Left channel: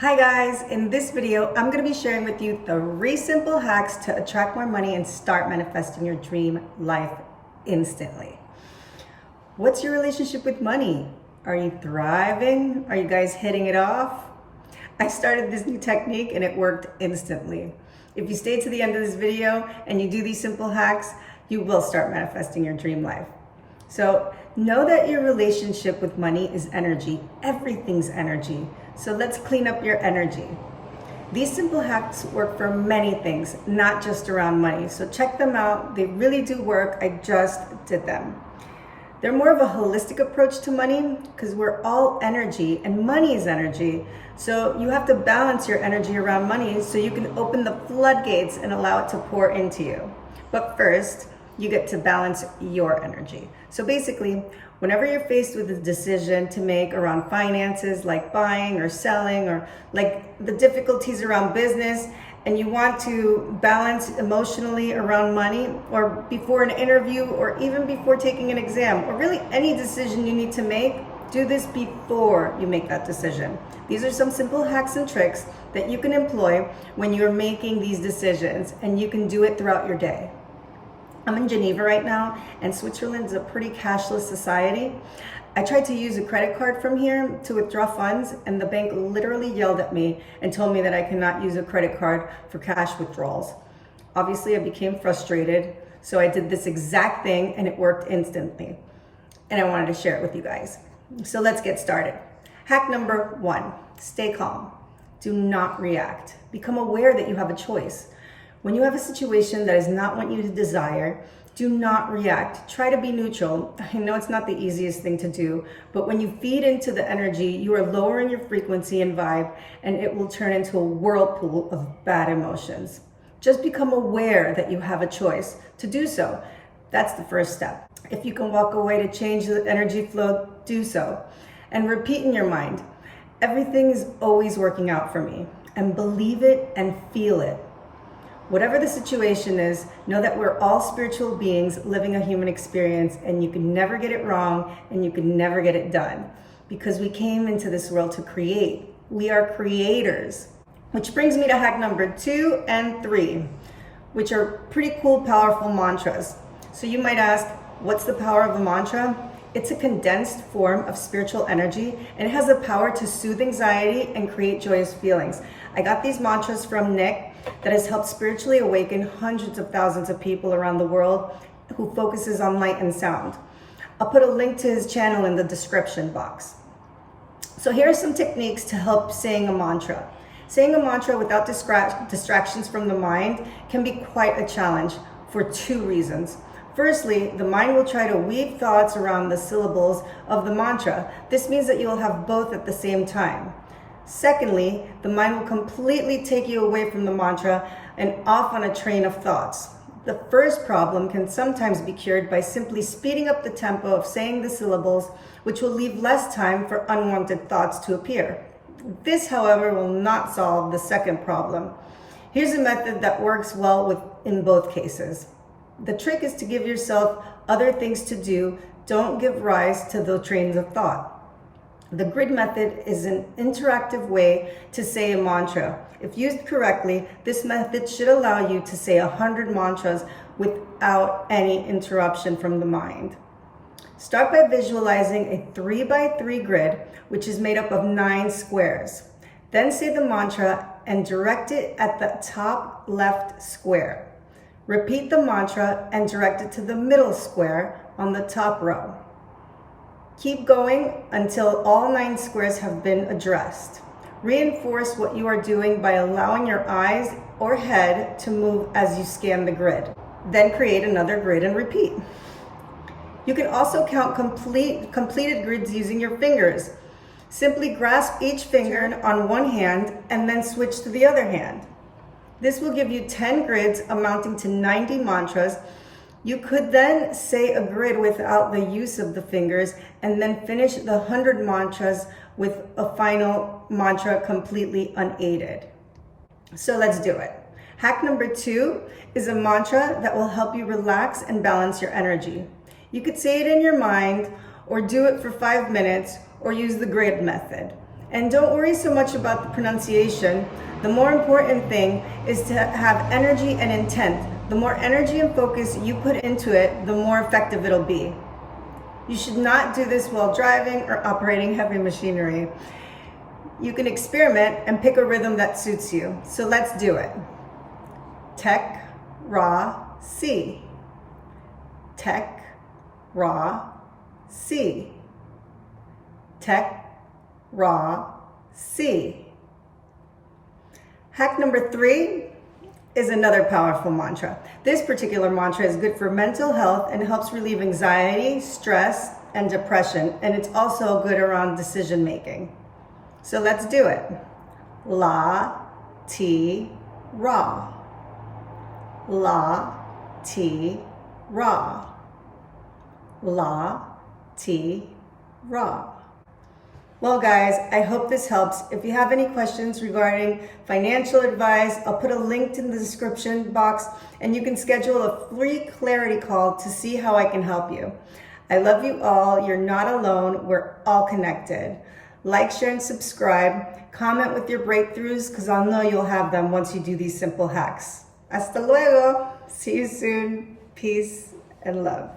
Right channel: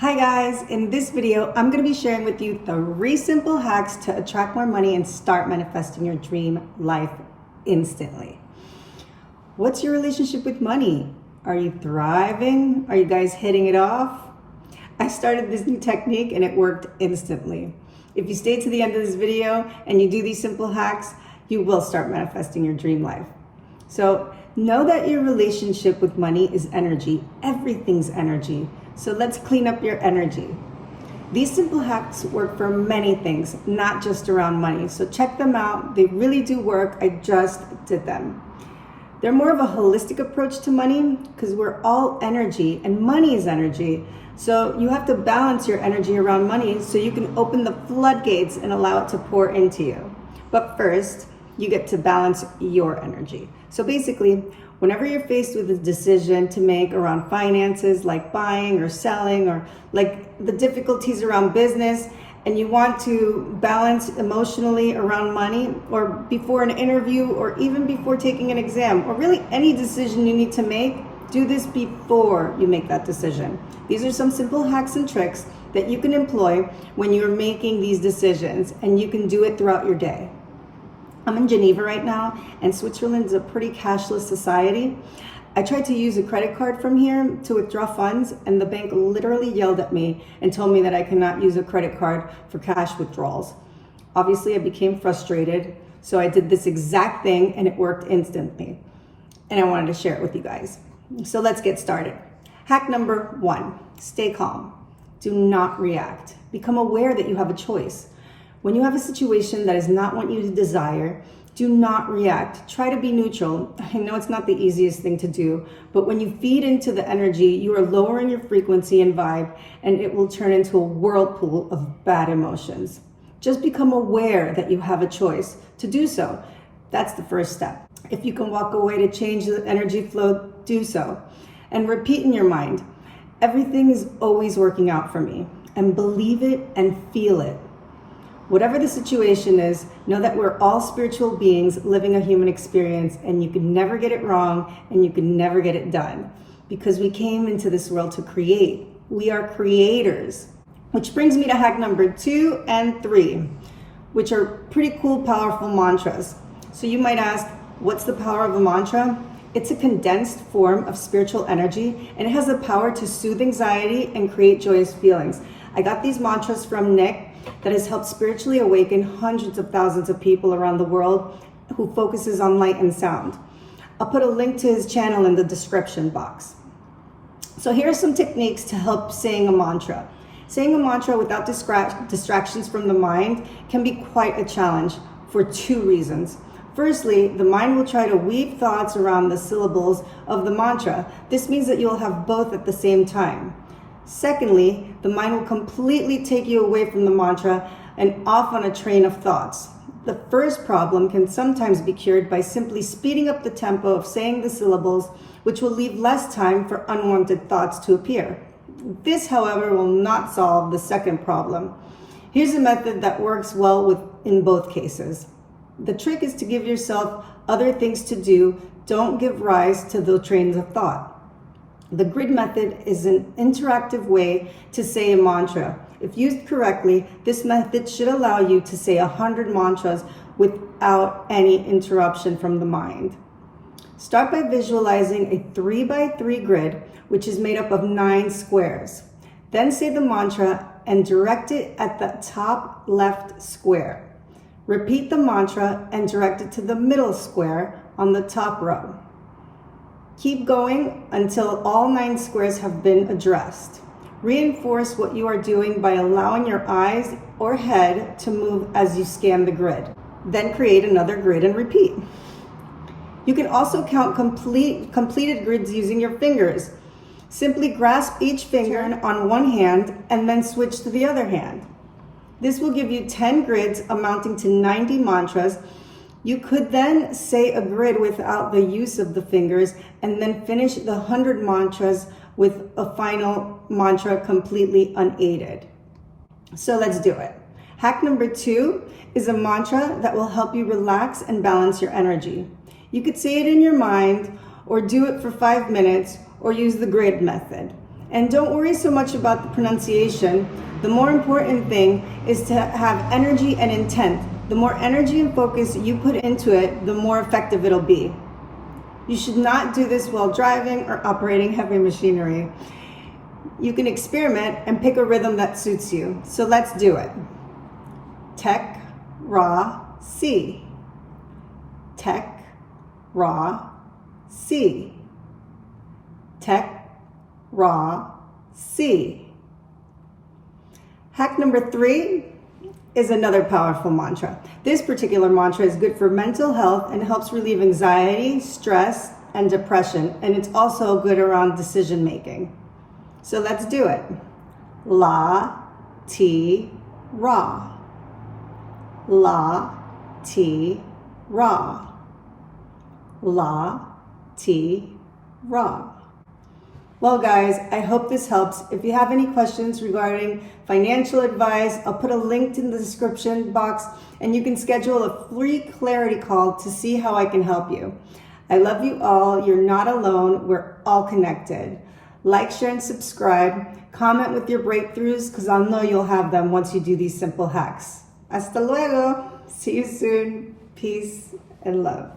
Hi guys, in this video, I'm going to be sharing with you 3 simple hacks to attract more money and start manifesting your dream life instantly. What's your relationship with money? Are you thriving? Are you guys hitting it off? I started this new technique and it worked instantly. If you stay to the end of this video and you do these simple hacks, you will start manifesting your dream life. So know that your relationship with money is energy. Everything's energy. So let's clean up your energy. These simple hacks work for many things, not just around money. So check them out. They really do work. I just did them. They're more of a holistic approach to money because we're all energy and money is energy. So you have to balance your energy around money so you can open the floodgates and allow it to pour into you. But first, you get to balance your energy. So basically, whenever you're faced with a decision to make around finances, like buying or selling, or like the difficulties around business, and you want to balance emotionally around money, or before an interview, or even before taking an exam, or really any decision you need to make, do this before you make that decision. These are some simple hacks and tricks that you can employ when you're making these decisions, and you can do it throughout your day. I'm in Geneva right now, and Switzerland is a pretty cashless society. I tried to use a credit card from here to withdraw funds, and the bank literally yelled at me and told me that I cannot use a credit card for cash withdrawals. Obviously, I became frustrated, so I did this exact thing, and it worked instantly. And I wanted to share it with you guys. So let's get started. Hack number 1, stay calm. Do not react. Become aware that you have a choice. When you have a situation that is not what you desire, do not react. Try to be neutral. I know it's not the easiest thing to do, but when you feed into the energy, you are lowering your frequency and vibe, and it will turn into a whirlpool of bad emotions. Just become aware that you have a choice to do so. That's the first step. If you can walk away to change the energy flow, do so. And repeat in your mind, everything is always working out for me, and believe it and feel it. Whatever the situation is, know that we're all spiritual beings living a human experience, and you can never get it wrong and you can never get it done because we came into this world to create. We are creators. Which brings me to hack number 2 and 3, which are pretty cool, powerful mantras. So you might ask, what's the power of a mantra? It's a condensed form of spiritual energy, and it has the power to soothe anxiety and create joyous feelings. I got these mantras from Nick that has helped spiritually awaken hundreds of thousands of people around the world who focuses on light and sound. I'll put a link to his channel in the description box. So here are some techniques to help saying a mantra. Saying a mantra without distractions from the mind can be quite a challenge for 2 reasons. Firstly, the mind will try to weave thoughts around the syllables of the mantra. This means that you'll have both at the same time. Secondly, the mind will completely take you away from the mantra and off on a train of thoughts. The first problem can sometimes be cured by simply speeding up the tempo of saying the syllables, which will leave less time for unwanted thoughts to appear. This, however, will not solve the second problem. Here's a method that works well in both cases. The trick is to give yourself other things to do. Don't give rise to the trains of thought. The grid method is an interactive way to say a mantra. If used correctly, this method should allow you to say 100 mantras without any interruption from the mind. Start by visualizing a 3x3 grid, which is made up of 9 squares. Then say the mantra and direct it at the top left square. Repeat the mantra and direct it to the middle square on the top row. Keep going until all 9 squares have been addressed. Reinforce what you are doing by allowing your eyes or head to move as you scan the grid. Then create another grid and repeat. You can also count completed grids using your fingers. Simply grasp each finger on one hand and then switch to the other hand. This will give you 10 grids amounting to 90 mantras. You could then say a grid without the use of the fingers and then finish the 100 mantras with a final mantra completely unaided. So let's do it. Hack number 2 is a mantra that will help you relax and balance your energy. You could say it in your mind or do it for 5 minutes or use the grid method. And don't worry so much about the pronunciation. The more important thing is to have energy and intent. The more energy and focus you put into it, the more effective it'll be. You should not do this while driving or operating heavy machinery. You can experiment and pick a rhythm that suits you. So let's do it. Tech, Ra, Si. Tech, Ra, Si. Tech, Ra, Si. Hack number 3 is another powerful mantra. This particular mantra is good for mental health and helps relieve anxiety, stress, and depression. And it's also good around decision making. So let's do it. La, Ti, Ra. La, Ti, Ra. La, Ti, Ra. Well, guys, I hope this helps. If you have any questions regarding financial advice, I'll put a link in the description box and you can schedule a free clarity call to see how I can help you. I love you all. You're not alone. We're all connected. Like, share, and subscribe. Comment with your breakthroughs because I'll know you'll have them once you do these simple hacks. Hasta luego. See you soon. Peace and love.